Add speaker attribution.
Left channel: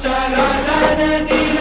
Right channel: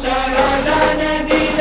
Speaker 1: आमचा राजा नदीला